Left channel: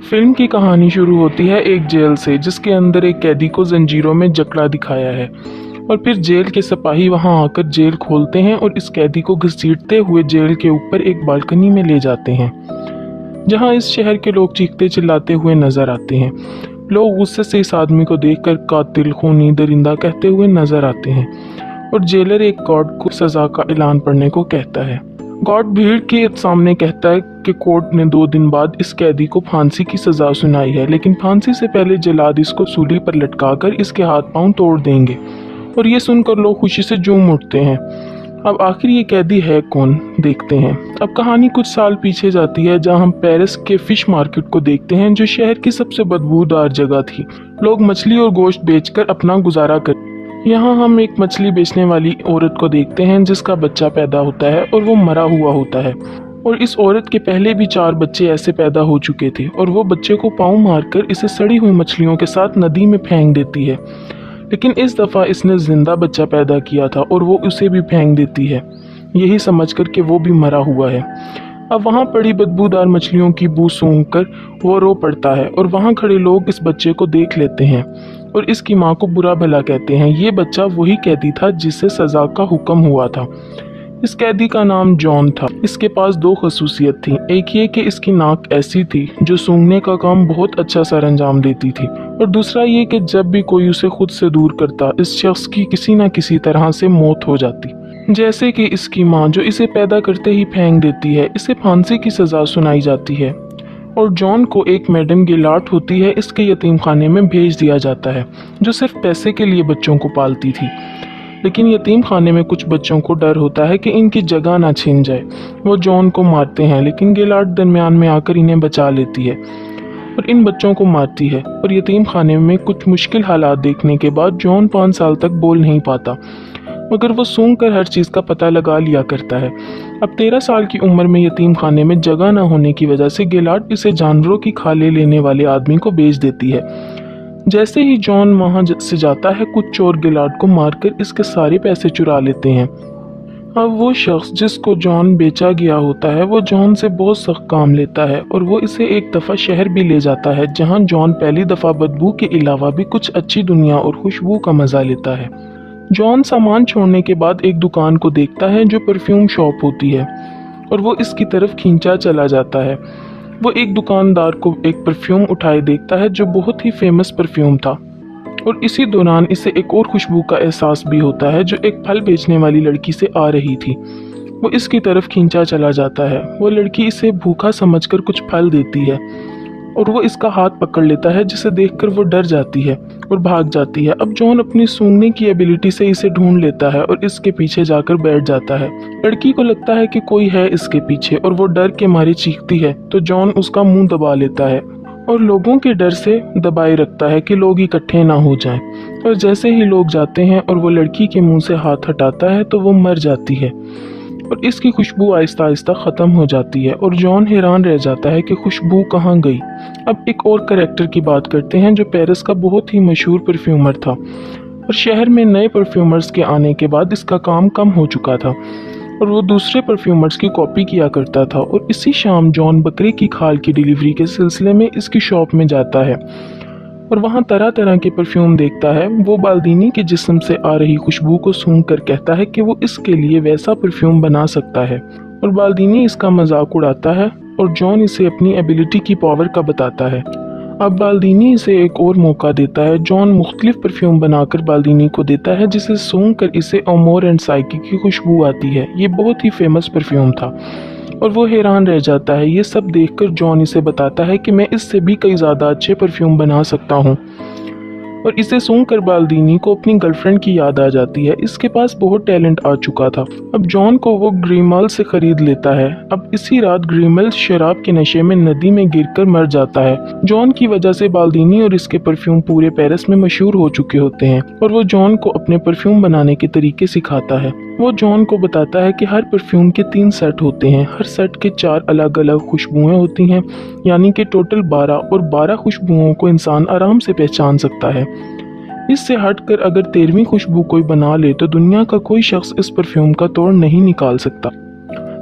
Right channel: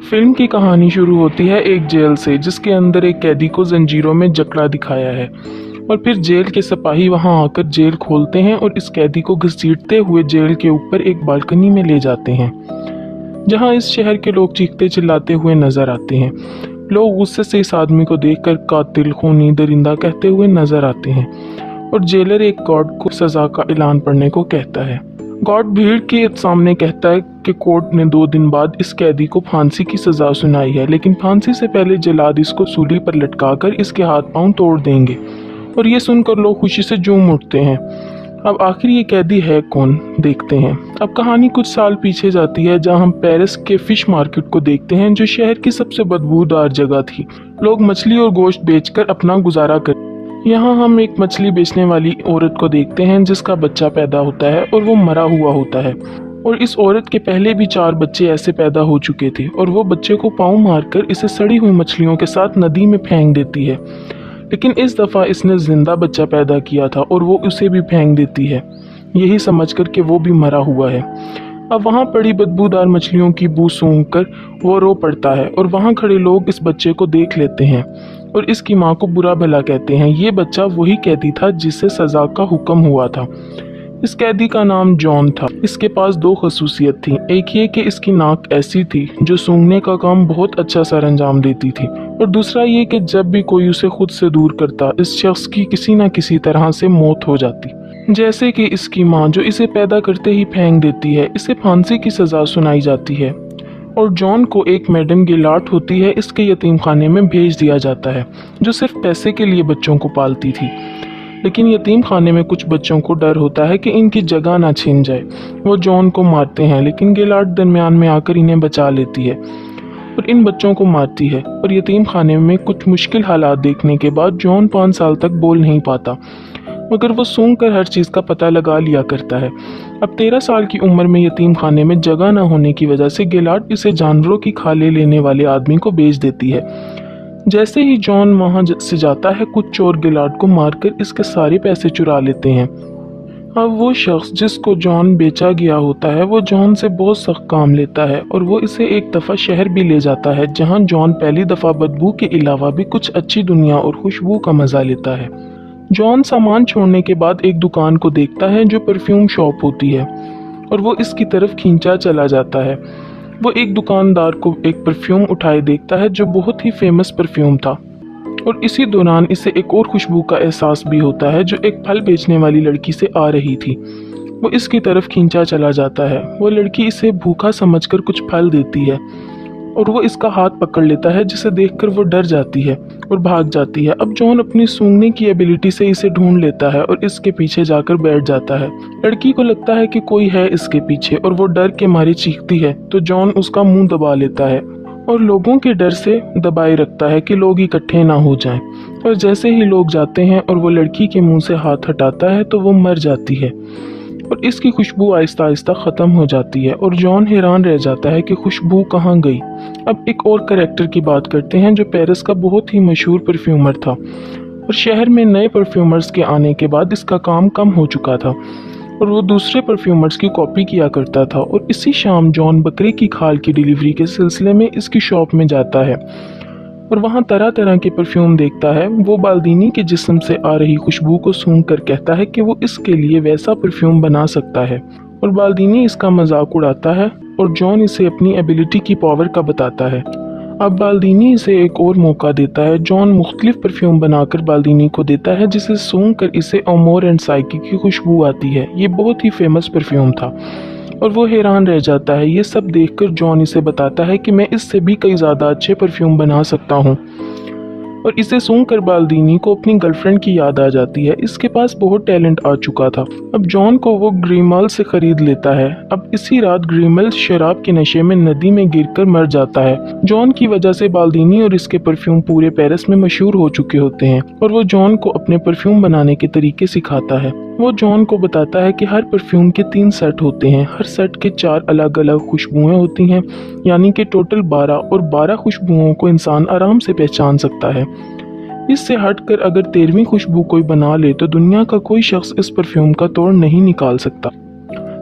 Film की कहानी शुरू होती है एक जेल से जिसके अंदर एक कैदी को जंजीरों में जकड़ा दिखाया है। और फिर जेल के सिपाही वहां आकर जेल खोलते हैं और इस कैदी को घसीटते हुए जेल के ऊपर एक बालकनी में ले जाते हैं, जहां इस शहर के लोग चीखते चिल्लाते हुए नजर आते हैं। लोग गुस्से से इस आदमी को देखकर कातिल, खूनी, दरिंदा कहते हुए नजर आते हैं और जेलर एक गार्ड को सजा का ऐलान पढ़ने को कहता है। गार्ड भीड़ के सामने कहता है कि कोर्ट ने 2 दिन बाद इस कैदी को फांसी की सजा सुनाई है, लेकिन फांसी से पहले जल्लाद इसको सूली पर लटकाकर इसके हाथ पांव तोड़ देंगे। और ये सुनकर लोग खुशी से झूम उठते हैं। अब आखिर ये कैदी है कौन, देखते हैं। अब कहानी कुछ साल पीछे जाती है, जहां हम पेरिस के फिश मार्केट को देखते हैं, जो शहर की सबसे बदबूदार जगह थी। लोग मछली और गोश्त बेचकर अपना गुजारा कर। यहाँ हम एक मछली बेचने वाली औरत को देखते हैं जिसका बच्चा पैदा होता है और वो मरा हुआ होता है। और इस औरत के पहले भी 4 बच्चे ऐसे पैदा हो चुके थे और वो बच्चे को पाँव मारकर इसे सड़ी हुई मछलियों के साथ नदी में फेंक देती है। लेकिन इस दफा इसने जिंदा बच्चा पैदा किया था और वो उसे भी फेंक देती है, यही समझकर कि वो भी मरा हुआ है। अब वहाँ पड़ी बदबूदार मछलियों की बू सूंघकर वो रो पड़ता है और वहाँ खड़े लोग इस बच्चे को देख लेते हैं और इसकी माँ को बुरा भला कहते हैं। ये बच्चा वही कैदी था जिसे सजा का हुक्म हुआ था। इस कैदी का नाम जॉन था। इसके पास 2 खसूसियत थी। एक ये कि इसकी नाक ऐसी थी जो सूंघने का काम बहुत अच्छा सरंजाम देती थी, और दूसरा ये कि जब भी कोई उसे खुद से दूर करता, इस शख्स की किसी न किसी तरह से मौत हो जाती। जैसे कि इसकी माँ जो इसे पैदा करते ही फेंक देती है, इसे फांसी की सजा सुनाई जाती है। और जॉन को एक मैडम गिलाट होती है, इसके यतीम खाने में भेज दिया जाता है, जो सिर्फ पैसे के लिए बच्चों को पालती थी। लेकिन यतीम खाने में कुछ बच्चों को डर होता है कि इनकी जगह ना छिन जाए। वो जॉन को मारते हैं, लेकिन गिलाट दरमियान में आकर इन्हें बचा लेती है और इन बच्चों को मारती है। और यतीम खाने में कुछ मुश्किल हालात देखने के बाद जॉन 5 साल तक बोल नहीं पाता, मगर वो सूंघ कर हर चीज़ का पता लगा लिया करता है। अब 13 साल की उम्र में यतीम खाने में जगह न होने की वजह से गिलाट इसे जानवरों की खाले लेने वाले आदमी को बेच देती है। जैसे ही जॉन वहां से जाता है, कुछ चोर गिलाट को मारकर इसके सारे पैसे चुरा लेते हैं। अब वो शख्स जिसको जॉन बेचा गया होता है, वो जॉन से बहुत सख्त काम लेता है और वो इसे एक दफ़ा शहर भी ले जाता है, जहां जॉन पहली दफ़ा बदबू के अलावा भी कुछ अच्छी दुनिया और खुशबू का मजा लेता है। जॉन सामान छोड़ने के बाद एक दुकान को देखता है जो परफ्यूम शॉप होती है, और वो इसकी तरफ खींचा चला जाता है। वो एक दुकानदार को एक परफ्यूम उठाए देखता है जो बहुत ही फेमस परफ्यूम था, और इसी दौरान इसे एक और खुशबू का एहसास भी होता है जो एक फल बेचने वाली लड़की से आ रही थी। वो इसकी तरफ खींचा चला जाता है। वो लड़की इसे भूखा समझकर कुछ फल देती है और वो इसका हाथ पकड़ लेता है, जिसे देखकर वो डर जाती है और भाग जाती है। अब जॉन अपनी सूंघने की एबिलिटी से इसे ढूंढ लेता है और इसके पीछे जाकर बैठ जाता है। लड़की को लगता है कि कोई है इसके पीछे और वो डर के मारे चीखती है, तो जॉन उसका मुंह दबा लेता है और लोगों के डर से दबाए रखता है कि लोग इकट्ठे ना हो जाएं। और जैसे ही लोग जाते हैं और वो लड़की के मुंह से हाथ हटाता है, तो वो मर जाती है और इसकी खुशबू आहिस्ता आहिस्ता ख़त्म हो जाती है और जॉन हैरान रह जाता है कि खुशबू कहाँ गई। अब एक और कैरेक्टर की बात करते हैं जो पेरिस का बहुत ही मशहूर परफ्यूमर था, और शहर में नए परफ्यूमर्स के आने के बाद इसका काम कम हो चुका था और वो दूसरे परफ्यूमर्स की कॉपी किया करता था। और इसी शाम जॉन बकरी की खाल की डिलीवरी के सिलसिले में इसकी शॉप में जाता है और वहाँ तरह तरह के परफ्यूम देखता है। वो बाल्दीनी के जिस्म से आ रही खुशबू को सूंघ कर कहता है कि वो इसके लिए वैसा परफ्यूम बना सकता है, और बाल्दीनी इसका मजाक उड़ाता है और जॉन इसे अपनी एबिलिटी की पावर का बताता है। अब बाल्दीनी इसे एक और मौका देता है। जॉन मुख्तलिफ परफ्यूम बनाकर बाल्दीनी को देता है, जिसे सूंघ कर इसे अमोर एंड साइकी की खुशबू आती है। ये बहुत ही फेमस परफ्यूम था और वो हैरान रह जाता है। ये सब देखकर जॉन इसे बताता है कि मैं इससे भी कई ज़्यादा अच्छे परफ्यूम बना सकता हूँ, और इसे सूंघकर बाल्दीनी को अपनी गर्लफ्रेंड की याद आ जाती है। इसके पास बहुत टैलेंट आ चुका था। अब जॉन को वो ग्रीमल से खरीद लेता है। अब इसी रात ग्रीमल शराब के नशे में नदी में गिरकर मर जाता है। जॉन की वजह से बाल्दीनी और इसके परफ्यूम पूरे पेरिस में मशहूर हो चुके होते हैं, और वो जॉन को अपने परफ्यूम बनाने के तरीके सिखाता है। वो जॉन को बताता है कि हर परफ्यूम के 3 सेट होते हैं, हर सेट के 4 अलग अलग खुशबुएं होती हैं, यानी कि टोटल 12, और 12 खुशबुओं को इंसान आराम से पहचान सकता है। इससे हटकर अगर 13वीं खुशबू कोई बना ले तो दुनिया का कोई शख्स इस परफ्यूम का तोड़ नहीं निकाल सकता।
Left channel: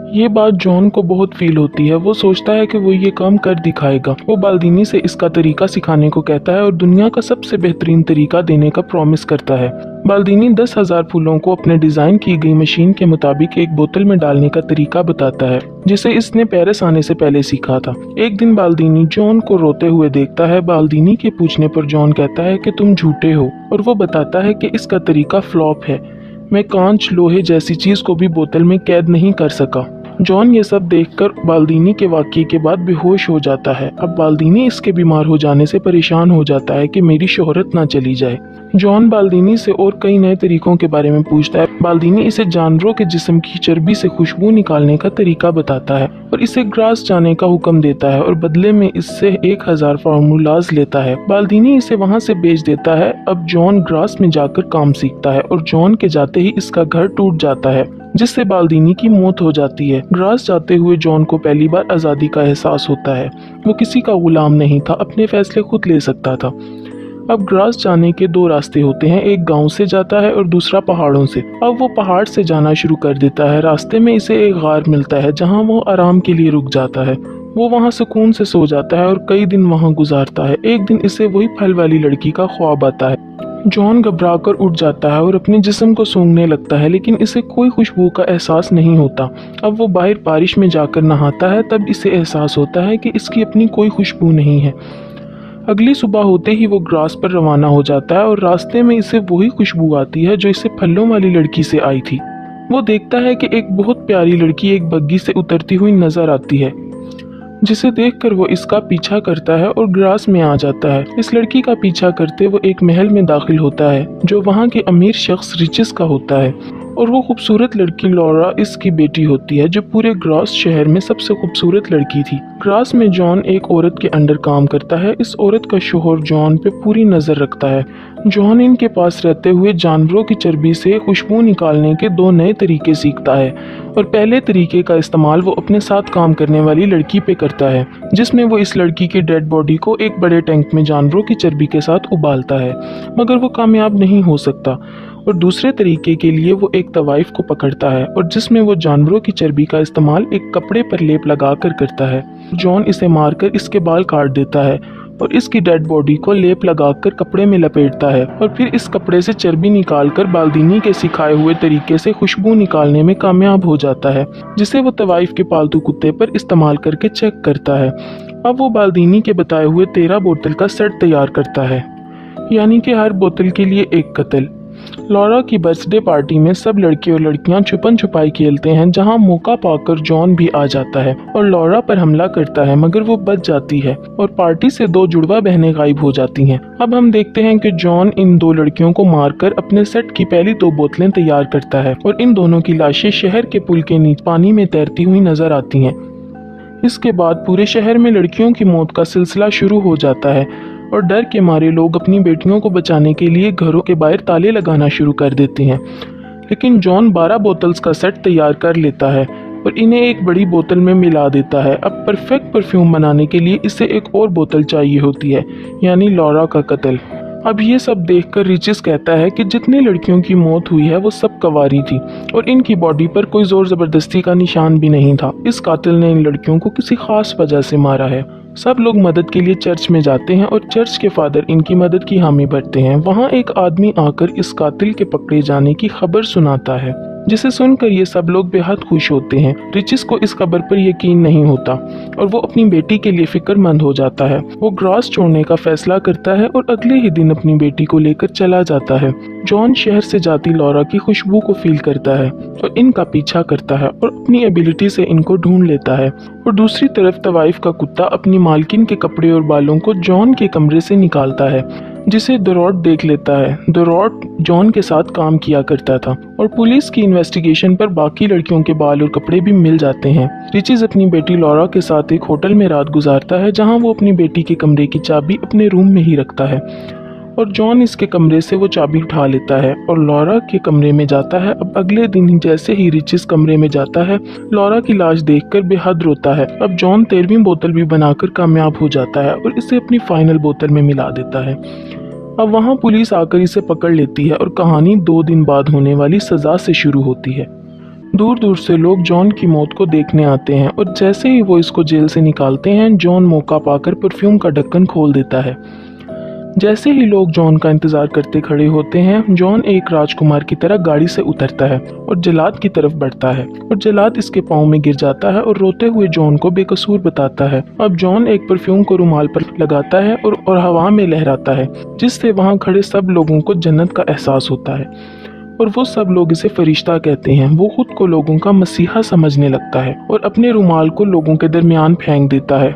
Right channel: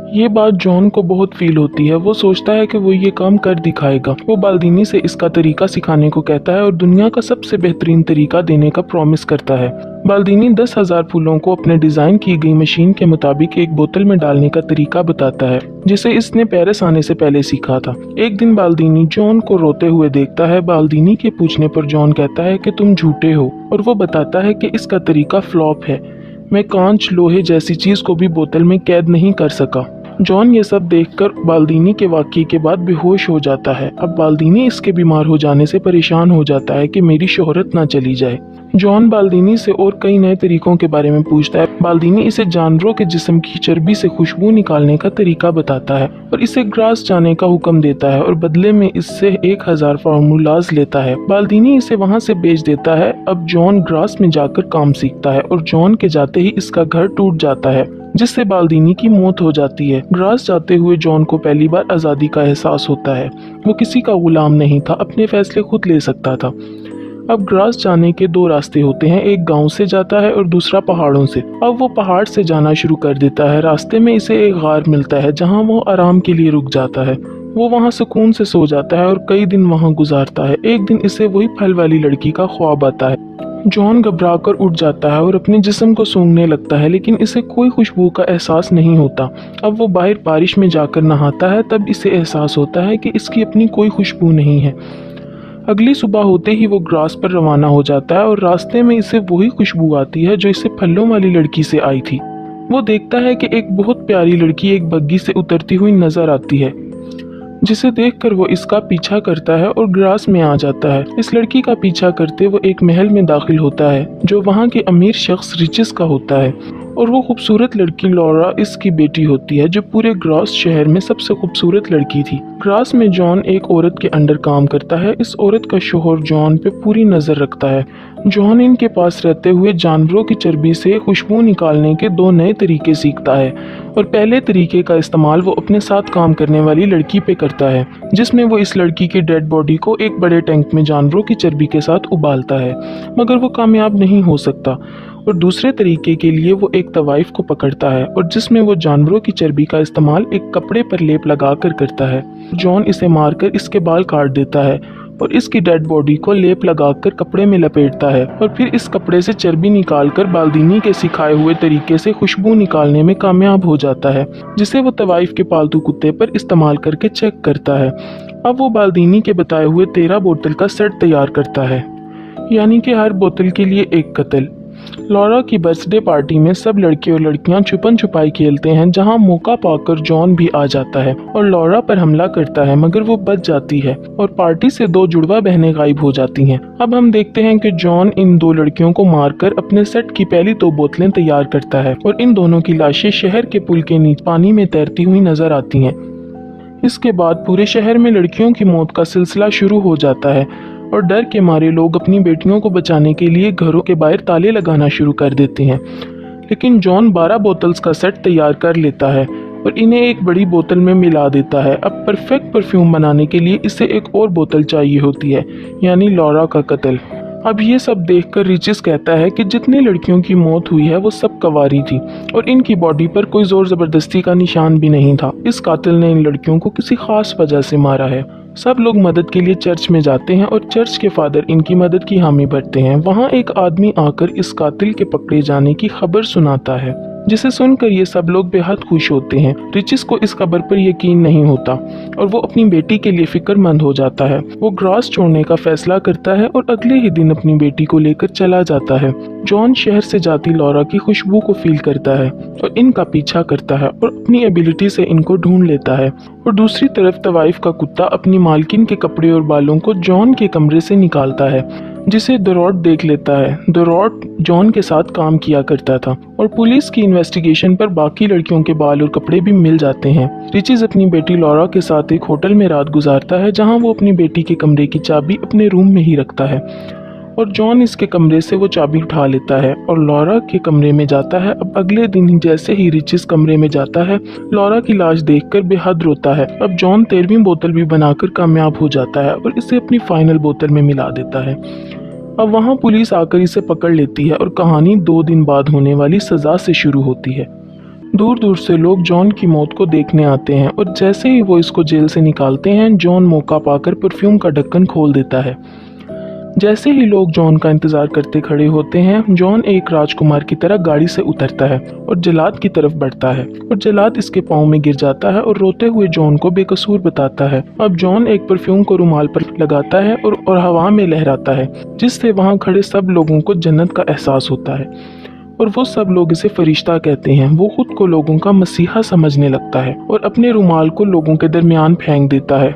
ये बात जॉन को बहुत फील होती है। वो सोचता है कि वो ये काम कर दिखाएगा। वो बाल्दीनी से इसका तरीका सिखाने को कहता है और दुनिया का सबसे बेहतरीन तरीका देने का प्रॉमिस करता है। बाल्दीनी 10,000 फूलों को अपने डिजाइन की गई मशीन के मुताबिक एक बोतल में डालने का तरीका बताता है, जिसे इसने पेरिस आने से पहले सीखा था। एक दिन बाल्दीनी जॉन को रोते हुए देखता है। बाल्दीनी के पूछने पर जॉन कहता है कि तुम झूठे हो, और वो बताता है कि इसका तरीका फ्लॉप है। मैं कांच लोहे जैसी चीज को भी बोतल में कैद नहीं कर सका। जॉन ये सब देखकर बाल्दीनी के वाकये के बाद बेहोश हो जाता है। अब बाल्दीनी इसके बीमार हो जाने से परेशान हो जाता है कि मेरी शोहरत ना चली जाए। जॉन बाल्दीनी से और कई नए तरीकों के बारे में पूछता है। बाल्दीनी इसे जानवरों के जिस्म की चर्बी से खुशबू निकालने का तरीका बताता है और इसे ग्रास जाने का हुक्म देता है और बदले में इससे 1000 फार्मूलाज लेता है। बाल्दीनी इसे वहां से बेच देता है। अब जॉन ग्रास में जाकर काम सीखता है और जॉन के जाते ही इसका घर टूट जाता है, जिससे बाल्दीनी की मौत हो जाती है। ग्रास जाते हुए जॉन को पहली बार आज़ादी का एहसास होता है। वो किसी का गुलाम नहीं था, अपने फैसले खुद ले सकता था। अब ग्रास जाने के दो रास्ते होते हैं, एक गांव से जाता है और दूसरा पहाड़ों से। अब वो पहाड़ से जाना शुरू कर देता है। रास्ते में इसे एक गार मिलता है जहां वो आराम के लिए रुक जाता है। वो वहां सुकून से सो जाता है और कई दिन वहां गुजारता है। एक दिन इसे वही फल वाली लड़की का ख्वाब आता है। जॉन घबरा कर उठ जाता है और अपने जिस्म को सूंघने लगता है, लेकिन इसे कोई खुशबू का एहसास नहीं होता। अब वो बाहर बारिश में जाकर नहाता है, तब इसे एहसास होता है कि इसकी अपनी कोई खुशबू नहीं है। अगली सुबह होते ही वो ग्रास पर रवाना हो जाता है और रास्ते में इसे वही खुशबू आती है जो इसे फलों वाली लड़की से आई थी। वो देखता है कि एक बहुत प्यारी लड़की एक बग्गी से उतरती हुई नजर आती है, जिसे देखकर वो इसका पीछा करता है और ग्रास में आ जाता है। इस लड़की का पीछा करते वो एक महल में दाखिल होता है जो वहाँ के अमीर शख्स रिचिस का होता है, और वो खूबसूरत लड़की लॉरा इसकी बेटी होती है जो पूरे ग्रास शहर में सबसे खूबसूरत लड़की थी। ग्रास में जॉन एक औरत के अंडर काम करता है। इस औरत का शोहर जॉन पे पूरी नजर रखता है। जॉन इनके पास रहते हुए जानवरों की चर्बी से खुशबू निकालने के 2 नए तरीके सीखता है, और पहले तरीके का इस्तेमाल वो अपने साथ काम करने वाली लड़की पे करता है, जिसमें वो इस लड़की की डेड बॉडी को एक बड़े टैंक में जानवरों की चर्बी के साथ उबालता है, मगर वो कामयाब नहीं हो सकता। और दूसरे तरीके के लिए वो एक तवाइफ को पकड़ता है और जिसमें वो जानवरों की चर्बी का इस्तेमाल एक कपड़े पर लेप लगाकर करता है। जॉन इसे मारकर इसके बाल काट देता है और इसकी डेड बॉडी को लेप लगाकर कपड़े में लपेटता है, और फिर इस कपड़े से चर्बी निकालकर बाल्दीनी के सिखाए हुए तरीके से खुशबू निकालने में कामयाब हो जाता है, जिसे वो तवाइफ के पालतू कुत्ते पर इस्तेमाल करके चेक करता है। अब वो बाल्दीनी के बताए हुए 13 बोतल का सेट तैयार करता है, यानी कि हर बोतल के लिए एक कत्ल। लॉरा की बर्थडे पार्टी में सब लड़के और लड़कियां छुपन छुपाई खेलते हैं, जहां मौका पाकर जॉन भी आ जाता है और लॉरा पर हमला करता है, मगर वो बच जाती है और पार्टी से 2 जुड़वा बहनें गायब हो जाती हैं। अब हम देखते हैं कि जॉन इन 2 लड़कियों को मारकर अपने सेट की पहली 2 बोतलें तैयार करता है और इन दोनों की लाशें शहर के पुल के नीचे पानी में तैरती हुई नजर आती हैं। इसके बाद पूरे शहर में लड़कियों की मौत का सिलसिला शुरू हो जाता है और डर के मारे लोग अपनी बेटियों को बचाने के लिए घरों के बाहर ताले लगाना शुरू कर देते हैं। लेकिन जॉन 12 बोतल्स का सेट तैयार कर लेता है और इन्हें एक बड़ी बोतल में मिला देता है। अब परफेक्ट परफ्यूम बनाने के लिए इसे एक और बोतल चाहिए होती है, यानी लॉरा का कत्ल। अब ये सब देखकर रिचिस कहता है कि जितनी लड़कियों की मौत हुई है वो सब कवारी थी और इनकी बॉडी पर कोई जोर जबरदस्ती का निशान भी नहीं था। इस कातिल ने इन लड़कियों को किसी खास वजह से मारा है। सब लोग मदद के लिए चर्च में जाते हैं और चर्च के फादर इनकी मदद की हामी भरते हैं। वहाँ एक आदमी आकर इस कातिल के पकड़े जाने की खबर सुनाता है, जिसे सुनकर ये सब लोग बेहद खुश होते हैं। रिचिस को इस खबर पर यकीन नहीं होता और वो अपनी बेटी के लिए फिक्रमंद हो जाता है। वो ग्रास छोड़ने का फैसला करता है और अगले ही दिन अपनी बेटी को लेकर चला जाता है। जॉन शहर से जाती लॉरा की खुशबू को फील करता है और इनका पीछा करता है और अपनी एबिलिटी से इनको ढूंढ लेता है। और दूसरी तरफ तवाइफ का कुत्ता अपनी मालकिन के कपड़े और बालों को जॉन के कमरे से निकालता है, जिसे दोरॉट देख लेता है। दोरॉट जॉन के साथ काम किया करता था और पुलिस की इन्वेस्टिगेशन पर बाकी लड़कियों के बाल और कपड़े भी मिल जाते हैं। रिचिस अपनी बेटी लॉरा के साथ एक होटल में रात गुजारता है, जहां वो अपनी बेटी के कमरे की चाबी अपने रूम में ही रखता है और जॉन इसके कमरे से वो चाबी उठा लेता है और लॉरा के कमरे में जाता है। अब अगले दिन ही जैसे ही रिचिस कमरे में जाता है, लॉरा की लाश देखकर बेहद रोता है। अब जॉन 13वीं बोतल भी बनाकर कामयाब हो जाता है और इसे अपनी फाइनल बोतल में मिला देता है। अब वहाँ पुलिस आकर इसे पकड़ लेती है और कहानी 2 दिन बाद होने वाली सजा से शुरू होती है। दूर दूर से लोग जॉन की मौत को देखने आते हैं और जैसे ही वो इसको जेल से निकालते हैं, जॉन मौका पाकर परफ्यूम का ढक्कन खोल देता है। जैसे ही लोग जॉन का इंतजार करते खड़े होते हैं, जॉन एक राजकुमार की तरह गाड़ी से उतरता है और जल्लाद की तरफ बढ़ता है और जल्लाद इसके पाँव में गिर जाता है और रोते हुए जॉन को बेकसूर बताता है। अब जॉन एक परफ्यूम को रुमाल पर लगाता है और हवा में लहराता है, जिससे वहाँ खड़े सब लोगों को जन्नत का एहसास होता है और वो सब लोग इसे फरिश्ता कहते हैं। वो खुद को लोगों का मसीहा समझने लगता है और अपने रुमाल को लोगों के दरमियान फेंक देता है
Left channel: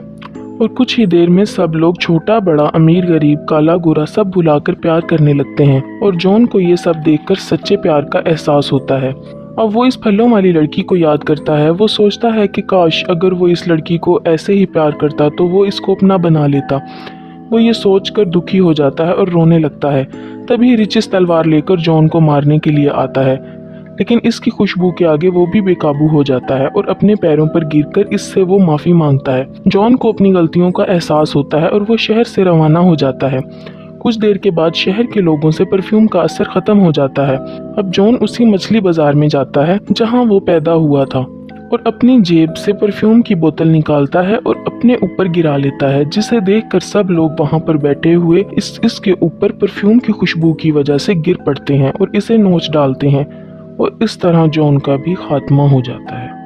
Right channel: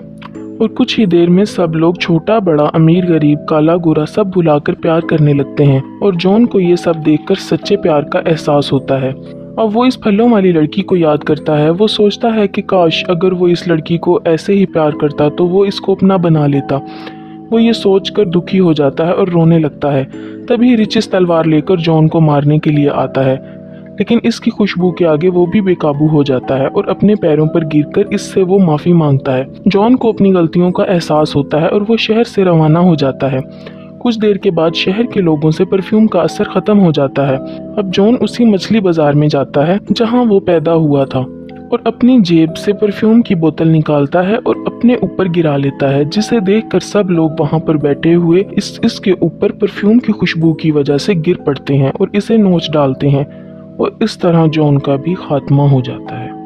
और कुछ ही देर में सब लोग छोटा बड़ा, अमीर गरीब, काला गोरा सब भुलाकर प्यार करने लगते हैं और जॉन को ये सब देखकर सच्चे प्यार का एहसास होता है। अब वो इस फलों वाली लड़की को याद करता है। वो सोचता है कि काश अगर वो इस लड़की को ऐसे ही प्यार करता तो वो इसको अपना बना लेता। वो ये सोचकर दुखी हो जाता है और रोने लगता है। तभी रिचिस तलवार लेकर जॉन को मारने के लिए आता है, लेकिन इसकी खुशबू के आगे वो भी बेकाबू हो जाता है और अपने पैरों पर गिरकर इससे वो माफी मांगता है। जॉन को अपनी गलतियों का एहसास होता है और वो शहर से रवाना हो जाता है। कुछ देर के बाद शहर के लोगों से परफ्यूम का असर खत्म हो जाता है। अब जॉन उसी मछली बाजार में जाता है जहां वो पैदा हुआ था और अपनी जेब से परफ्यूम की बोतल निकालता है और अपने ऊपर गिरा लेता है, जिसे देखकर सब लोग वहां पर बैठे हुए इसके ऊपर परफ्यूम की खुशबू की वजह से गिर पड़ते हैं और इसे नोच डालते हैं और इस तरह जॉन का भी खात्मा हो जाता है।